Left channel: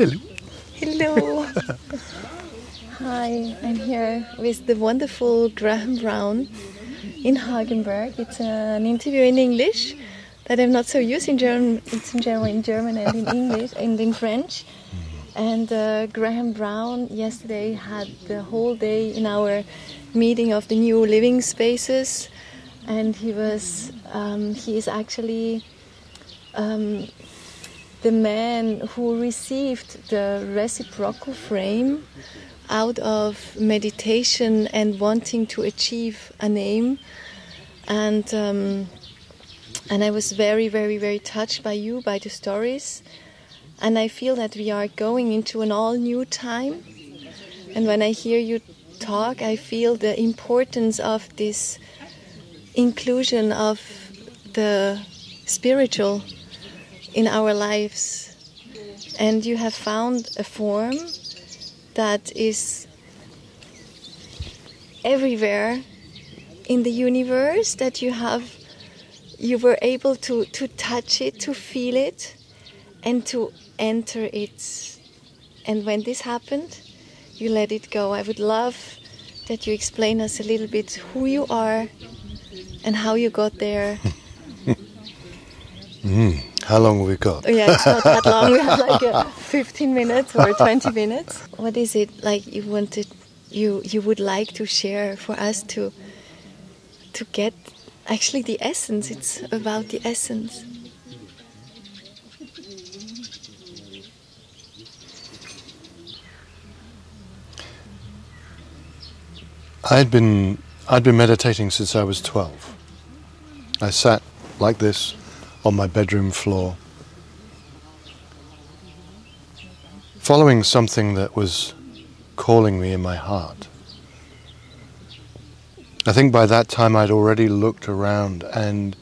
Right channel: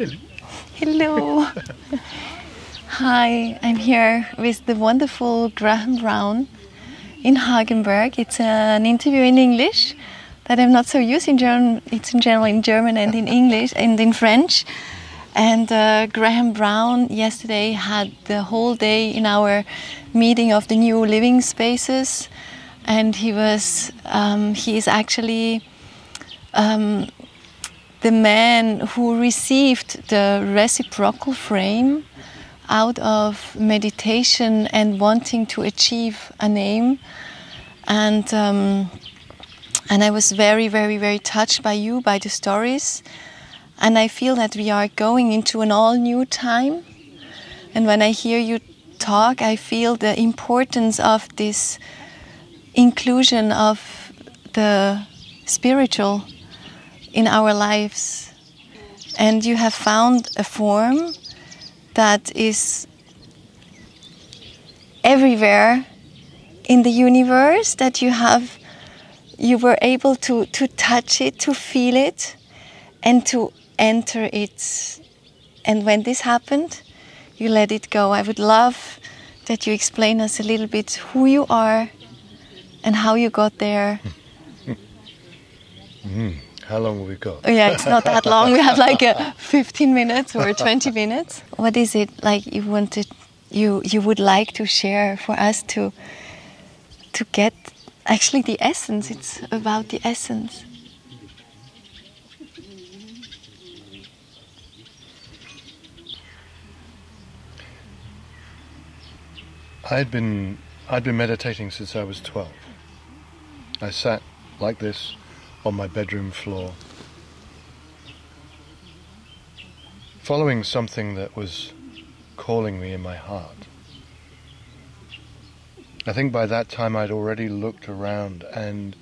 Hello. Hello. Hi, I'm here with the wonderful Graham Brown in Hagenberg. It's an interview in English that I'm not so used in German. It's in general in German and in English and in French. And Graham Brown yesterday had the whole day in our meeting of the new living spaces, and he is actually the man who received the Reciprocal Frame out of meditation and wanting to achieve a name. And I was very, very, very touched by you, by the stories. And I feel that we are going into an all-new time. And when I hear you talk, I feel the importance of this inclusion of the spiritual in our lives. And you have found a form that is everywhere in the universe, that you were able to touch it, to feel it, and to enter it. And when this happened, you let it go. I would love that you explain us a little bit who you are and how you got there. How long have we got? Oh, yeah, it's not that long. We have like 15 minutes or 20 minutes. What is it like you would like to share for us to get actually the essence? It's about the essence. I'd been meditating since I was 12. I sat like this on my bedroom floor, following something that was calling me in my heart. I think by that time I'd already looked around, and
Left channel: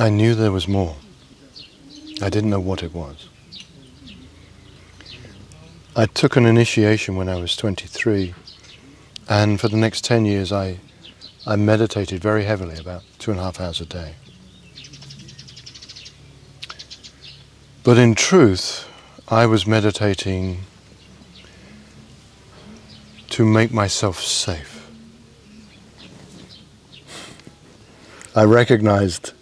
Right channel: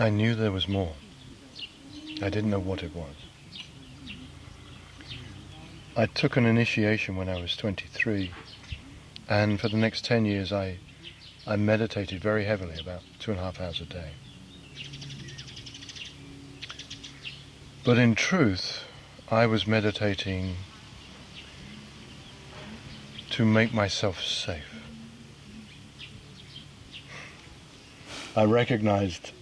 I knew there was more. I didn't know what it was. I took an initiation when I was 23, and for the next 10 years I meditated very heavily, about 2.5 hours a day. But in truth, I was meditating to make myself safe. I recognized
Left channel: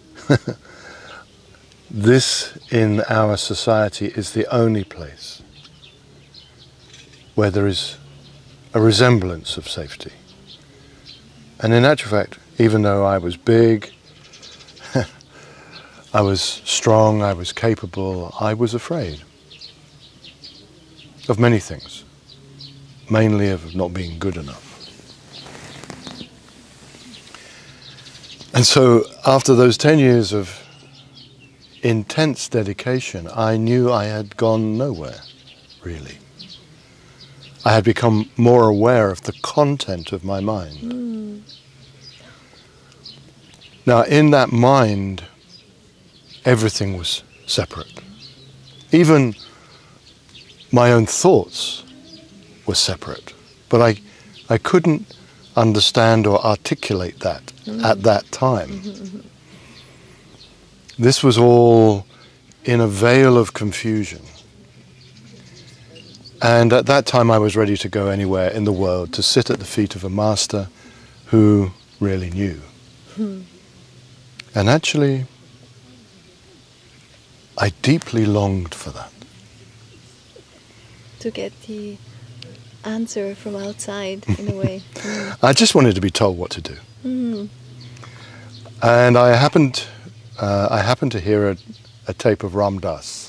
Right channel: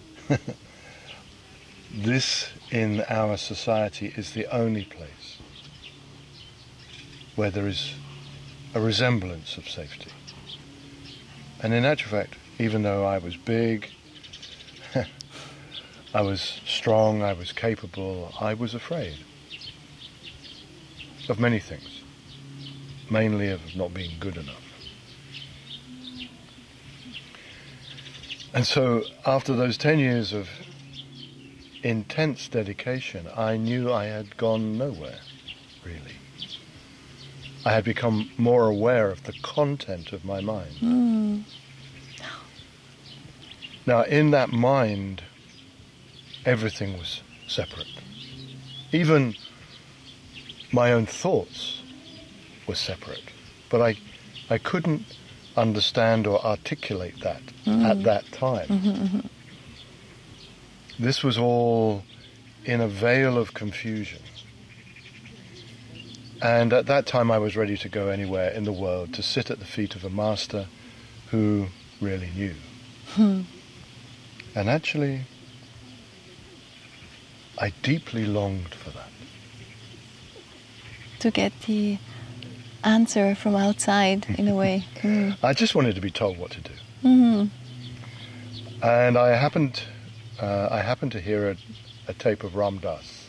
this in our society is the only place where there is a resemblance of safety. And in actual fact, even though I was big, I was strong, I was capable, I was afraid of many things, mainly of not being good enough. And so after those 10 years of intense dedication, I knew I had gone nowhere, really. I had become more aware of the content of my mind. Now, in that mind, everything was separate. Even my own thoughts were separate. But I couldn't understand or articulate that at that time. This was all in a veil of confusion. And at that time I was ready to go anywhere in the world, to sit at the feet of a master who really knew. And actually, I deeply longed for that. To get the answer from outside, in a way. I just wanted to be told what to do. And I happened to hear a tape of Ram Dass.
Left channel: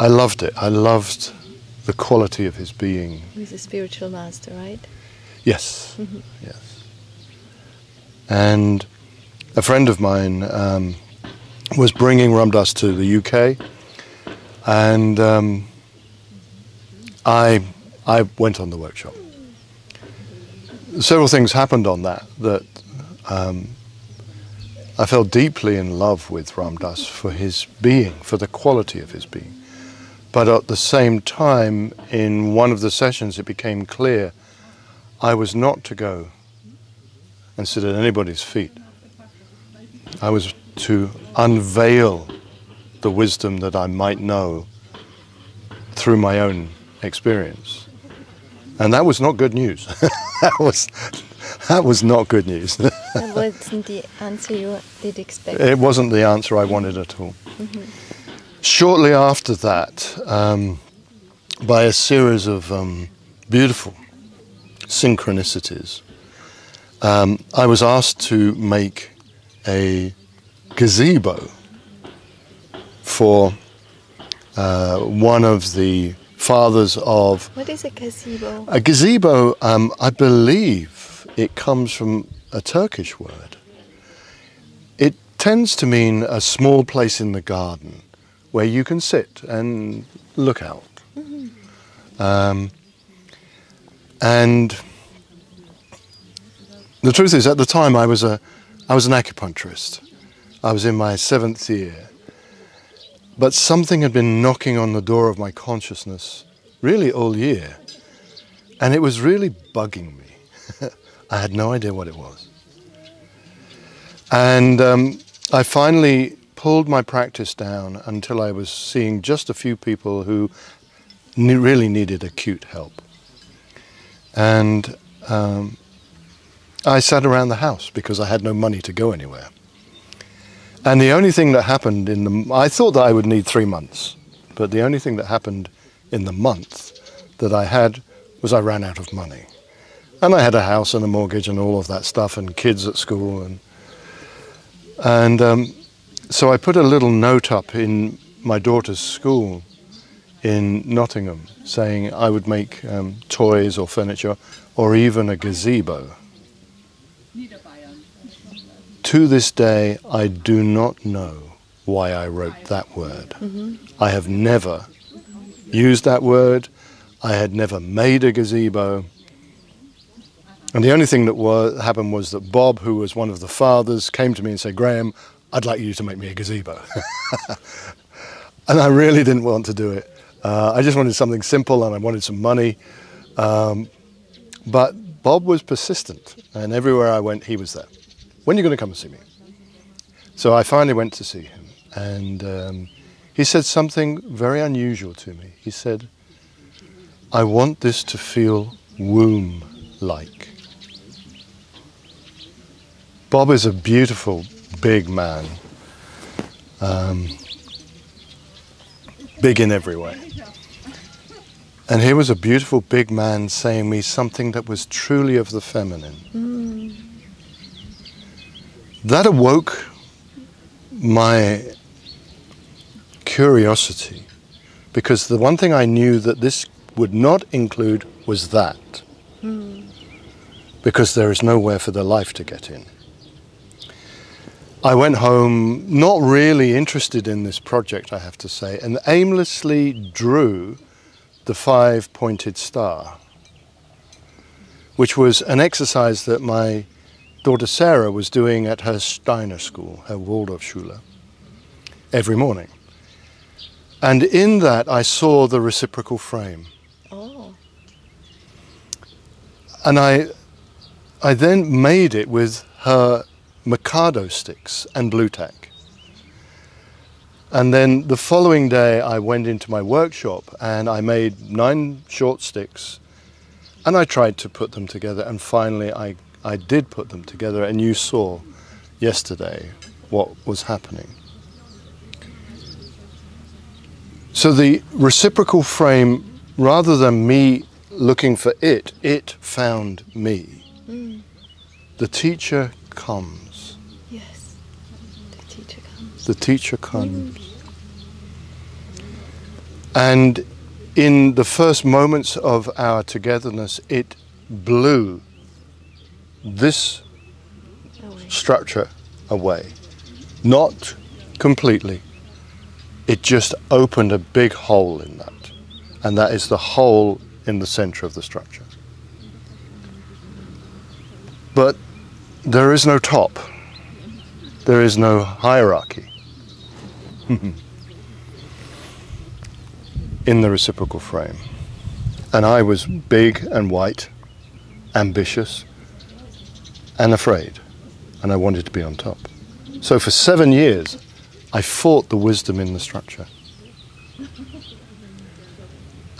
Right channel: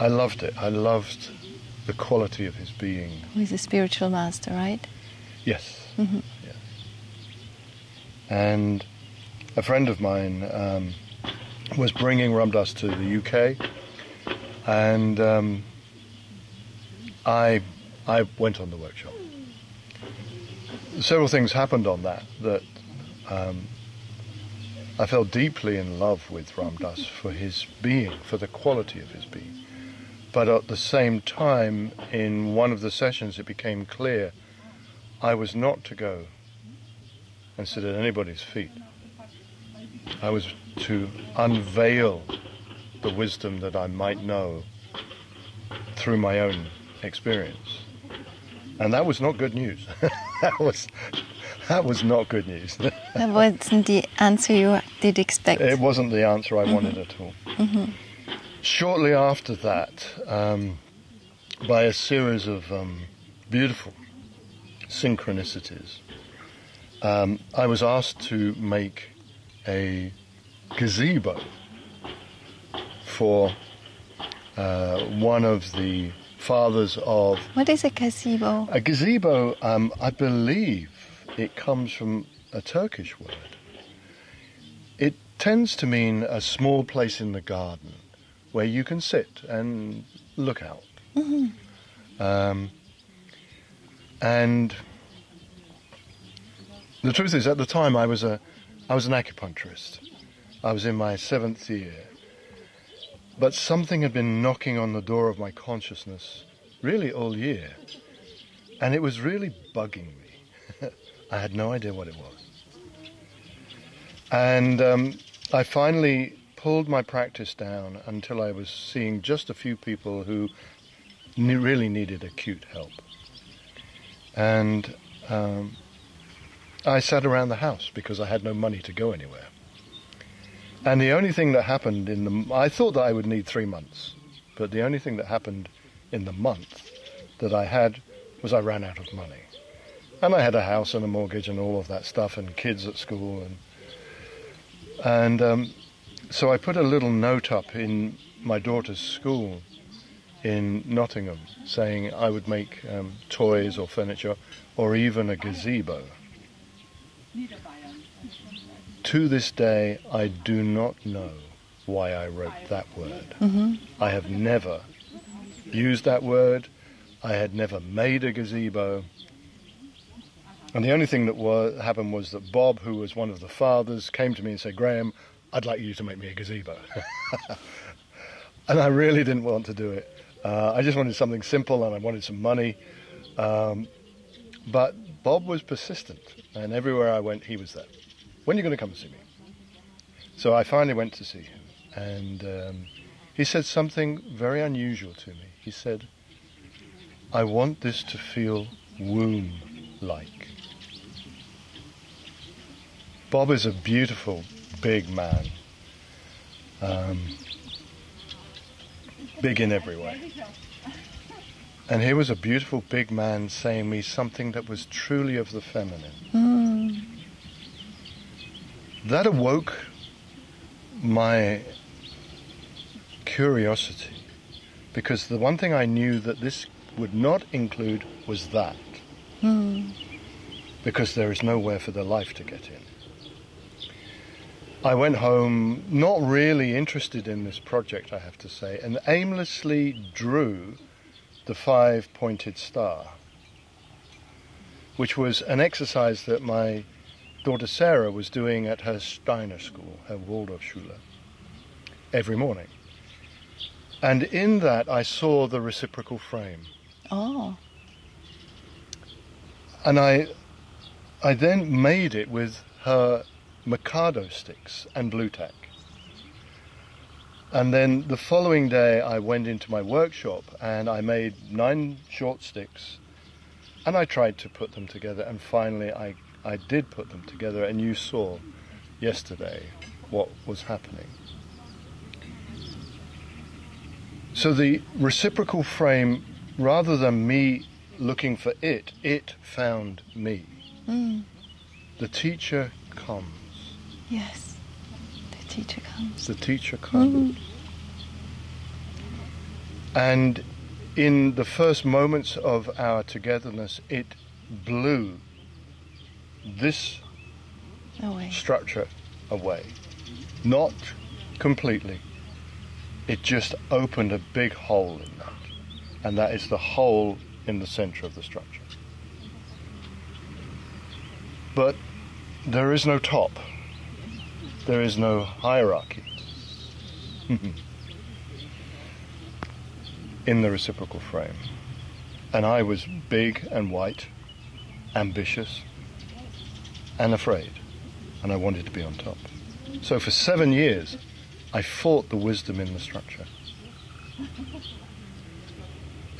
I loved it. I loved the quality of his being. He's a spiritual master, right? Yes, yes. And a friend of mine was bringing Ram Dass to the UK, and I went on the workshop. Several things happened on that I fell deeply in love with Ram Dass for his being, for the quality of his being. But at the same time, in one of the sessions, it became clear I was not to go and sit at anybody's feet. I was to unveil the wisdom that I might know through my own experience. And that was not good news. that was not good news. That wasn't the answer you did expect. It wasn't the answer I wanted at all. Shortly after that, by a series of beautiful synchronicities, I was asked to make a gazebo for one of the fathers of... What is a gazebo? A gazebo, I believe it comes from a Turkish word. It tends to mean a small place in the garden where you can sit and look out. And the truth is, at the time, I was an acupuncturist. I was in my 7th year. But something had been knocking on the door of my consciousness really all year. And it was really bugging me. I had no idea what it was. And I finally pulled my practice down until I was seeing just a few people who really needed acute help. And I sat around the house because I had no money to go anywhere. And the only thing that happened I thought that I would need 3 months, but the only thing that happened in the month that I had was I ran out of money. And I had a house and a mortgage and all of that stuff and kids at school. And so I put a little note up in my daughter's school in Nottingham saying I would make toys or furniture or even a gazebo. To this day, I do not know why I wrote that word. I have never used that word. I had never made a gazebo. And the only thing that happened was that Bob, who was one of the fathers, came to me and said, "Graham, I'd like you to make me a gazebo." And I really didn't want to do it. I just wanted something simple and I wanted some money. But Bob was persistent, and everywhere I went, he was there. "When are you going to come and see me?" So I finally went to see him, and he said something very unusual to me. He said, "I want this to feel womb-like." Bob is a beautiful, big man, big in every way. And here was a beautiful, big man saying me something that was truly of the feminine. That awoke my curiosity, because the one thing I knew that this would not include was that, because there is nowhere for the life to get in. I went home not really interested in this project, I have to say, and aimlessly drew the 5-pointed star, which was an exercise that my daughter Sarah was doing at her Steiner school, her Waldorfschule, every morning. And in that I saw the reciprocal frame. Oh. And I then made it with her Mikado sticks and blue tack. And then the following day I went into my workshop and I made 9 short sticks and I tried to put them together, and finally I did put them together, and you saw yesterday what was happening. So the reciprocal frame, rather than me looking for it, it found me. The teacher comes. Yes, the teacher comes. The teacher comes. And in the first moments of our togetherness, it blew this structure away. Not completely. It just opened a big hole in that. And that is the hole in the center of the structure. But there is no top. There is no hierarchy in the reciprocal frame. And I was big and white, ambitious, and afraid, and I wanted to be on top. So for 7 years, I fought the wisdom in the structure.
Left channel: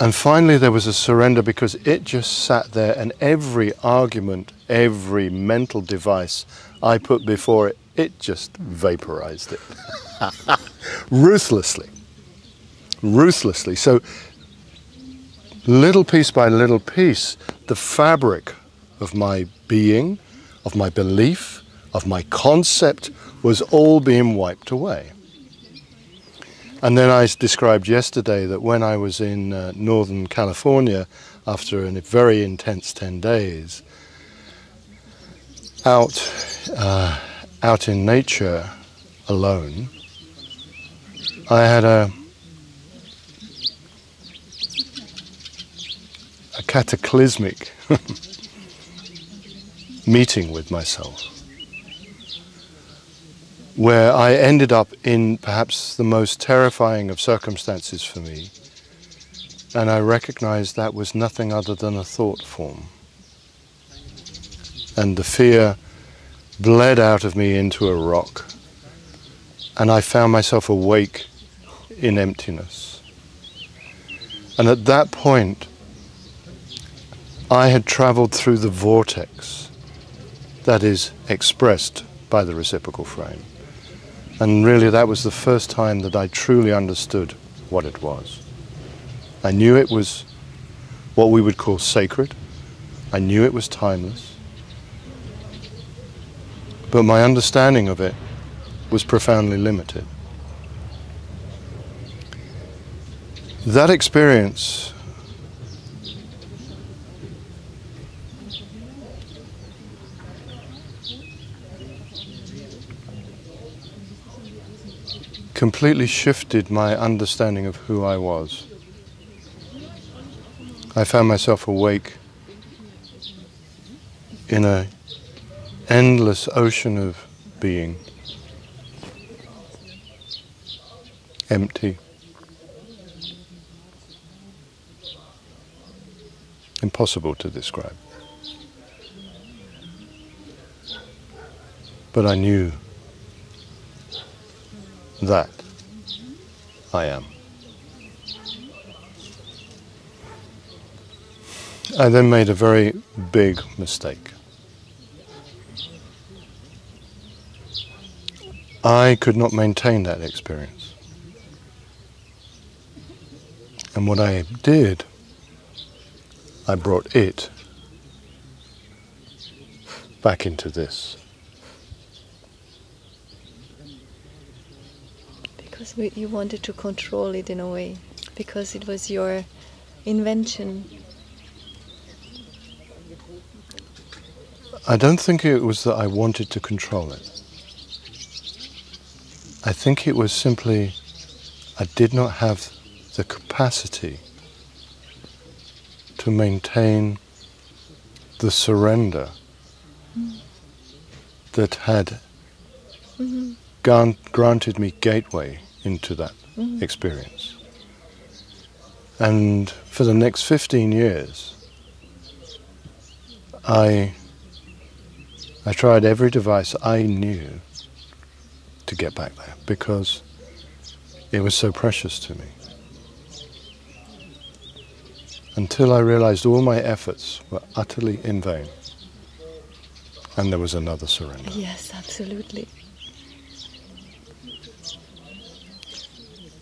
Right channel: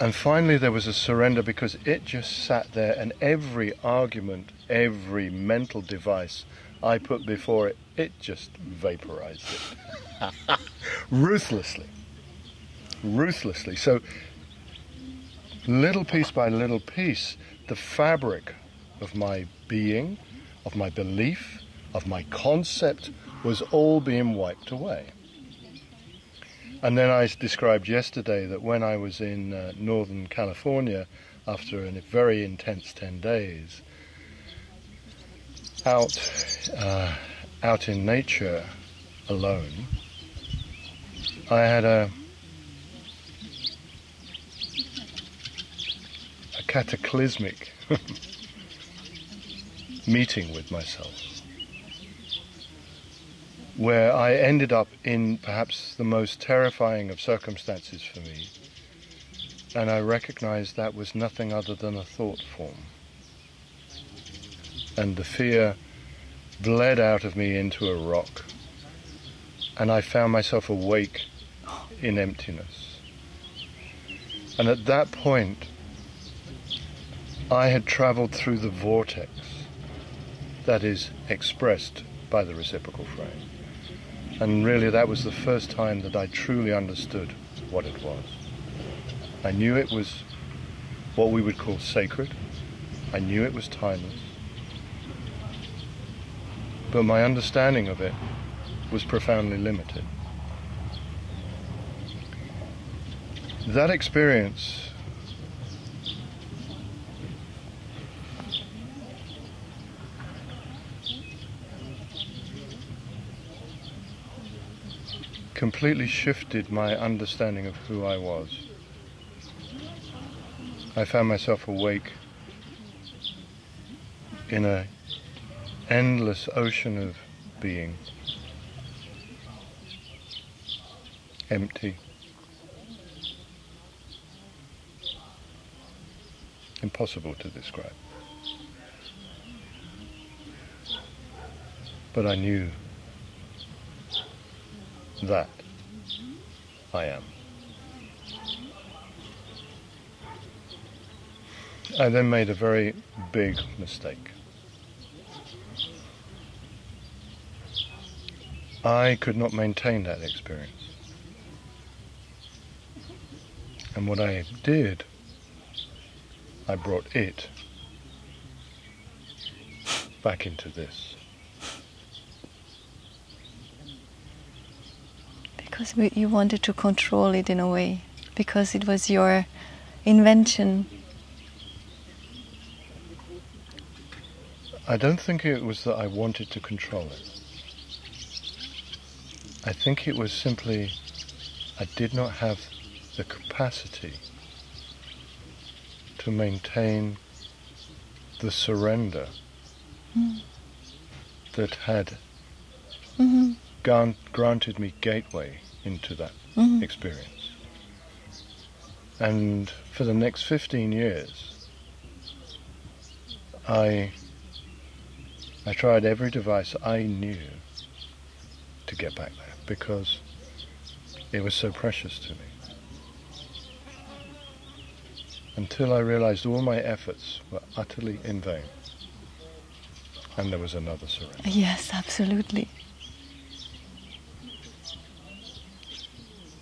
And finally there was a surrender, because it just sat there, and every argument, every mental device I put before it, it just vaporized it. Ruthlessly. Ruthlessly. So little piece by little piece, the fabric of my being, of my belief, of my concept was all being wiped away. And then I described yesterday that when I was in Northern California after a very intense 10 days, out in nature alone, I had a cataclysmic meeting with myself, where I ended up in perhaps the most terrifying of circumstances for me, and I recognized that was nothing other than a thought form. And the fear bled out of me into a rock, and I found myself awake in emptiness. And at that point, I had traveled through the vortex that is expressed by the reciprocal frame. And really that was the first time that I truly understood what it was. I knew it was what we would call sacred. I knew it was timeless. But my understanding of it was profoundly limited. That experience completely shifted my understanding of who I was. I found myself awake in an endless ocean of being, empty, impossible to describe. But I knew that I am. I then made a very big mistake. I could not maintain that experience. And what I did, I brought it back into this. Because you wanted to control it in a way, because it was your invention. I don't think it was that I wanted to control it. I think it was simply I did not have the capacity to maintain the surrender that had granted me gateway into that experience. And for the next 15 years, I tried every device I knew to get back there, because it was so precious to me. Until I realized all my efforts were utterly in vain. And there was another surrender. Yes, absolutely.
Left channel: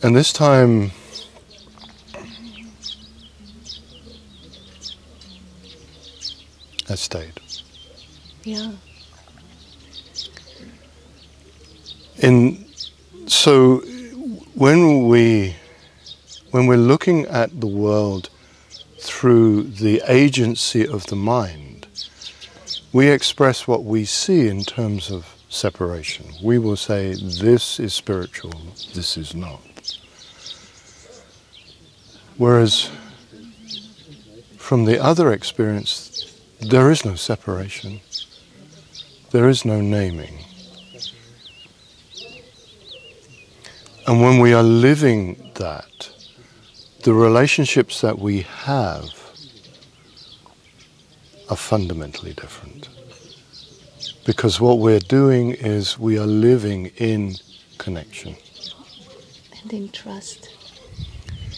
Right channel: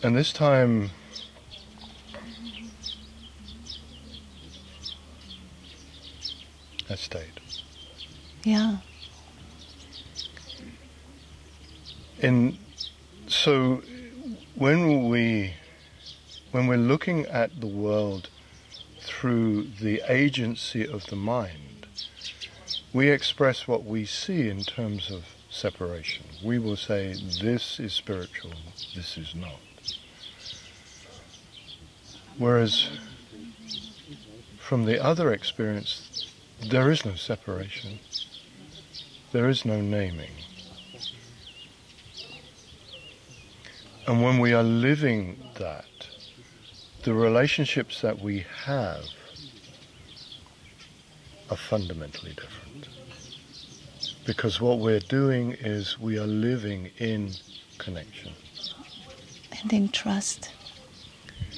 And this time, I stayed. Yeah. So when we're looking at the world through the agency of the mind, we express what we see in terms of separation. We will say, this is spiritual, this is not. Whereas from the other experience, there is no separation. There is no naming. And when we are living that, the relationships that we have are fundamentally different. Because what we're doing is we are living in connection. And in trust.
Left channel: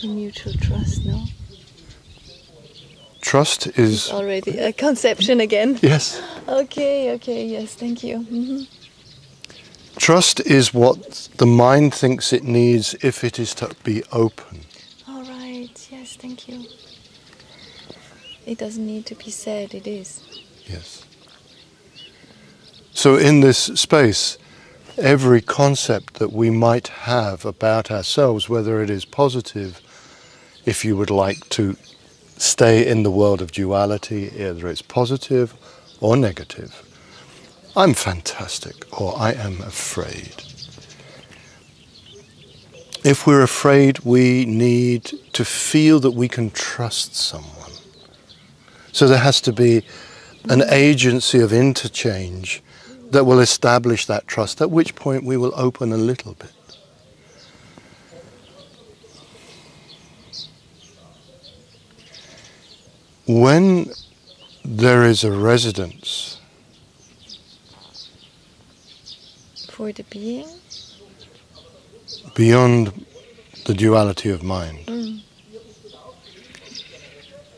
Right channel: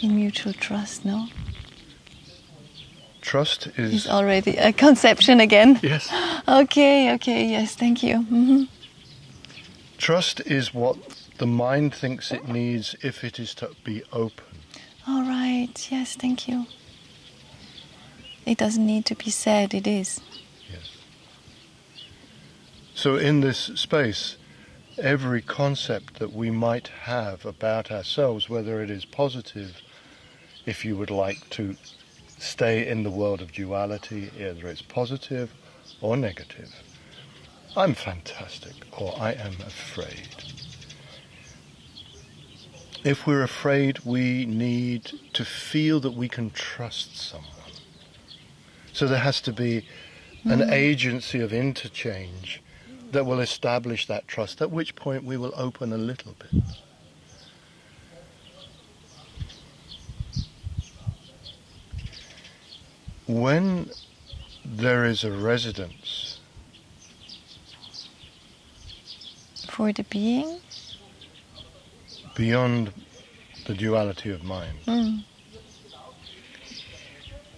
In mutual trust, no? Trust is... It's already a conception again. Yes. Okay, yes, thank you. Mm-hmm. Trust is what the mind thinks it needs if it is to be open. All right, yes, thank you. It doesn't need to be said, it is. Yes. So in this space, every concept that we might have about ourselves, whether it is positive, if you would like to stay in the world of duality, either it's positive or negative. I'm fantastic, or I am afraid. If we're afraid, we need to feel that we can trust someone. So there has to be an agency of interchange that will establish that trust, at which point we will open a little bit. When there is a residence For the being? beyond the duality of mind,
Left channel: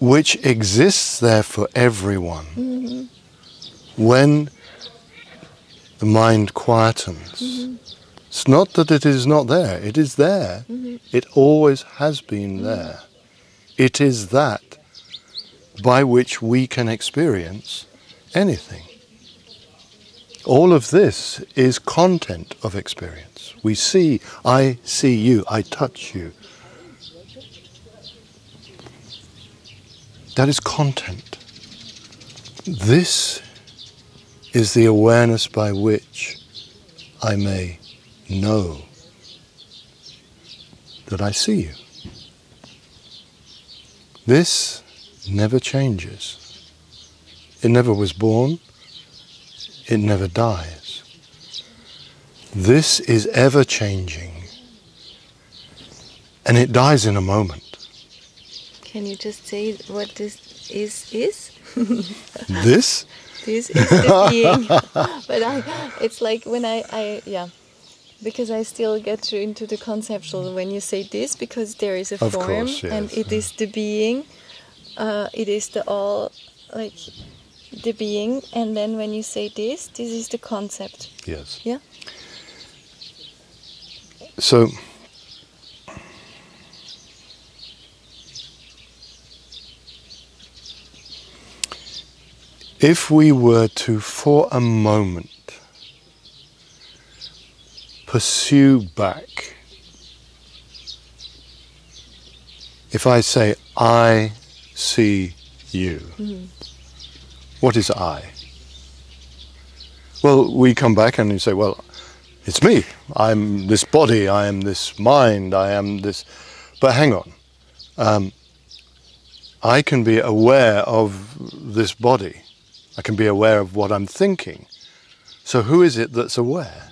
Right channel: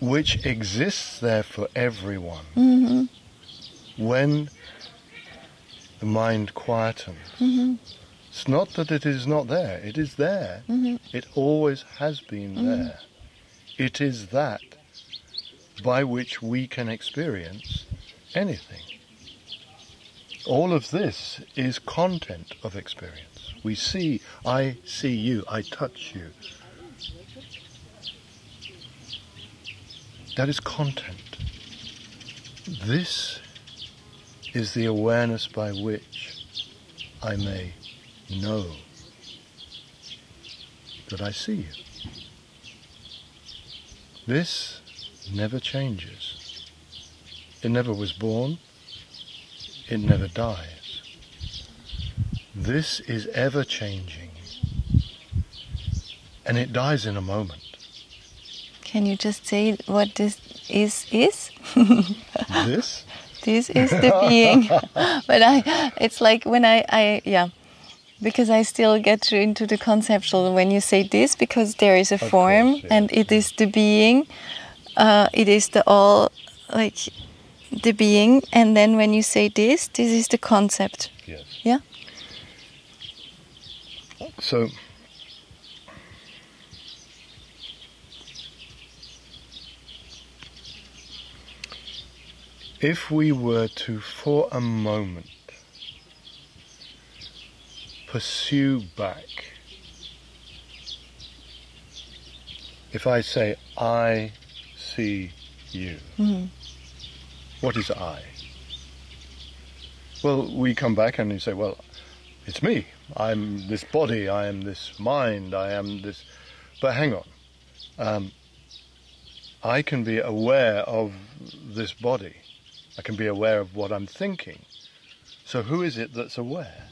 which exists there for everyone, when the mind quietens, it's not that it is not there, it is there. It always has been there. It is that by which we can experience anything. All of this is content of experience. We see, I see you, I touch you. That is content. This is the awareness by which I may know that I see you. This never changes. It never was born. It never dies. This is ever changing. And it dies in a moment. Can you just say what this is? This? This is the being. But it's like when because I still get into the conceptual when you say this, because there is a Of form, course, yes, and it is the being. It is the all, like the being, and then when you say this is the concept. Yes. Yeah. So, if we were to, for a moment, pursue back, if I say, I see you, what is I? Well, we come back and you say, well, it's me. I'm this body, I am this mind, I am this... But hang on. I can be aware of this body. I can be aware of what I'm thinking. So who is it that's aware?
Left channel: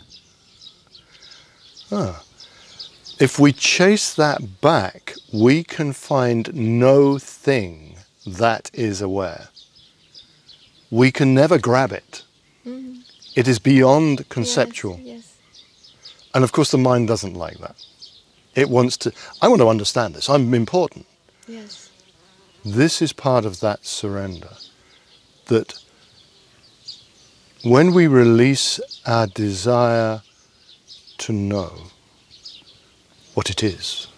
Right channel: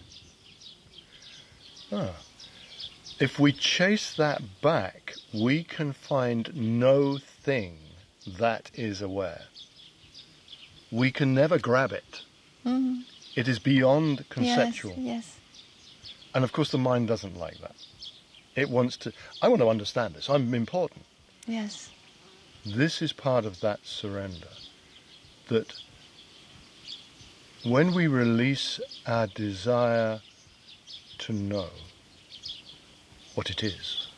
If we chase that back, we can find no thing that is aware. We can never grab it. It is beyond conceptual. Yes. And of course the mind doesn't like that. It wants to, I want to understand this, I'm important. Yes. This is part of that surrender. That when we release our desire to know what it is,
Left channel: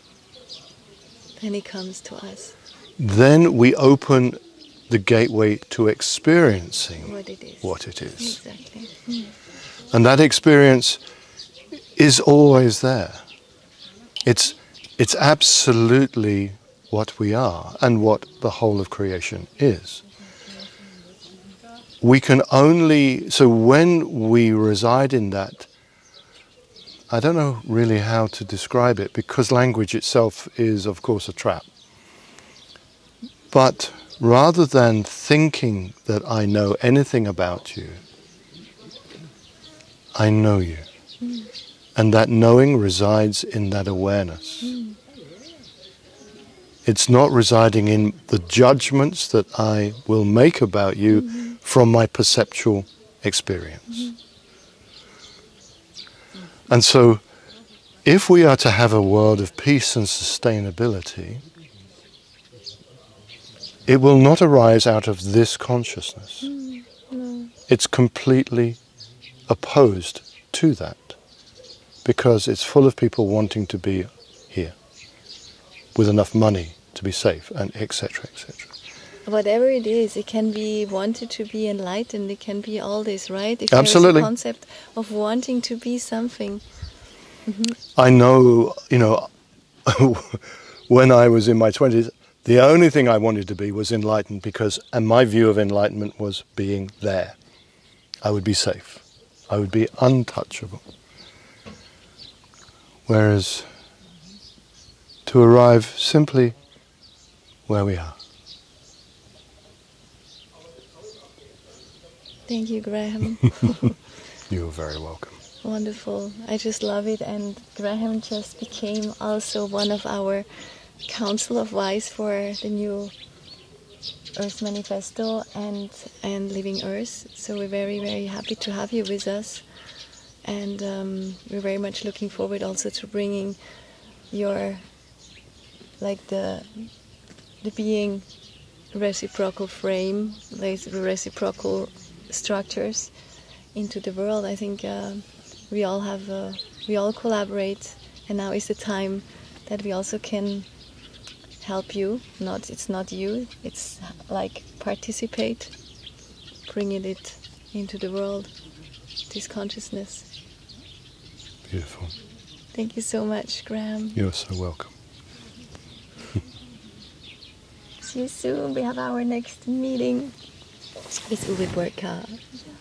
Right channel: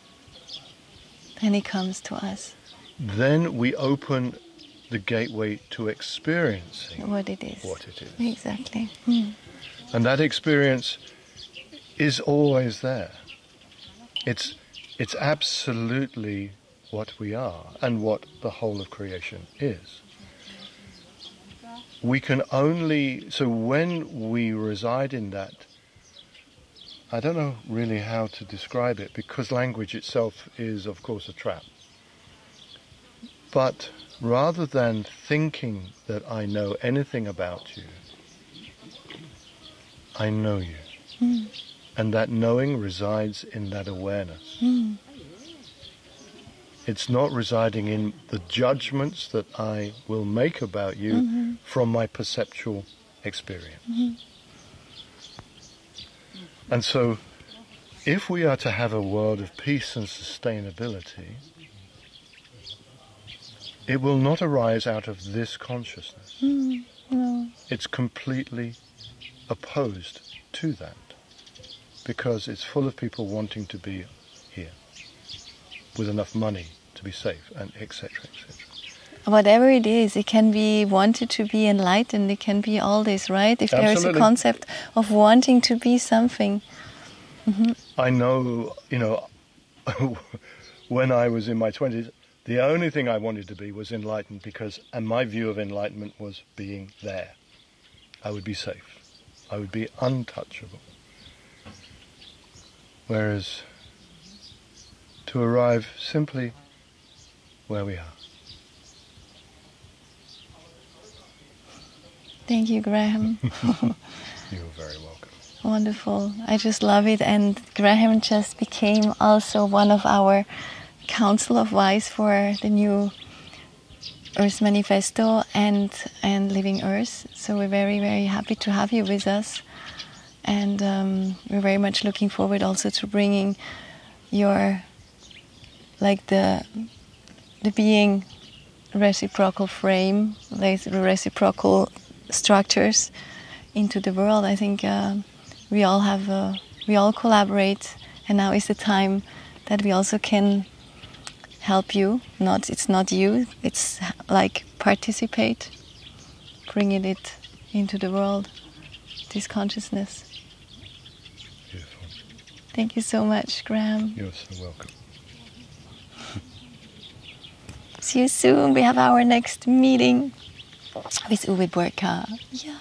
And it comes to us. then we open the gateway to experiencing What it is. what it is. Exactly. And that experience is always there. It's absolutely what we are and what the whole of creation is. We can only, so when we reside in that, I don't know really how to describe it, because language itself is, of course, a trap. But rather than thinking that I know anything about you, I know you. And that knowing resides in that awareness. It's not residing in the judgments that I will make about you from my perceptual experience. And so, if we are to have a world of peace and sustainability, it will not arise out of this consciousness. No. It's completely opposed to that, because it's full of people wanting to be here with enough money to be safe, and etc., etc. Whatever it is, it can be wanted to be enlightened, it can be all this, right? If Absolutely. there is a concept of wanting to be something. I know, when I was in my 20s, the only thing I wanted to be was enlightened, and my view of enlightenment was being there. I would be safe. I would be untouchable. Whereas to arrive simply where we are. Thank you, Graham. You're very welcome. Wonderful. I just love it. And Graham just became also one of our Council of Wise for the new Earth Manifesto and Living Earth. So we're very, very happy to have you with us. And we're very much looking forward also to bringing your, like the being reciprocal frame, like the reciprocal structures into the world. I think we all collaborate, and now is the time that we also can help you. It's not you, it's like participate, bringing it into the world, this consciousness. Beautiful. Thank you so much, Graham. You're so welcome. See you soon. We have our next meeting with Uwe Burka. Yeah.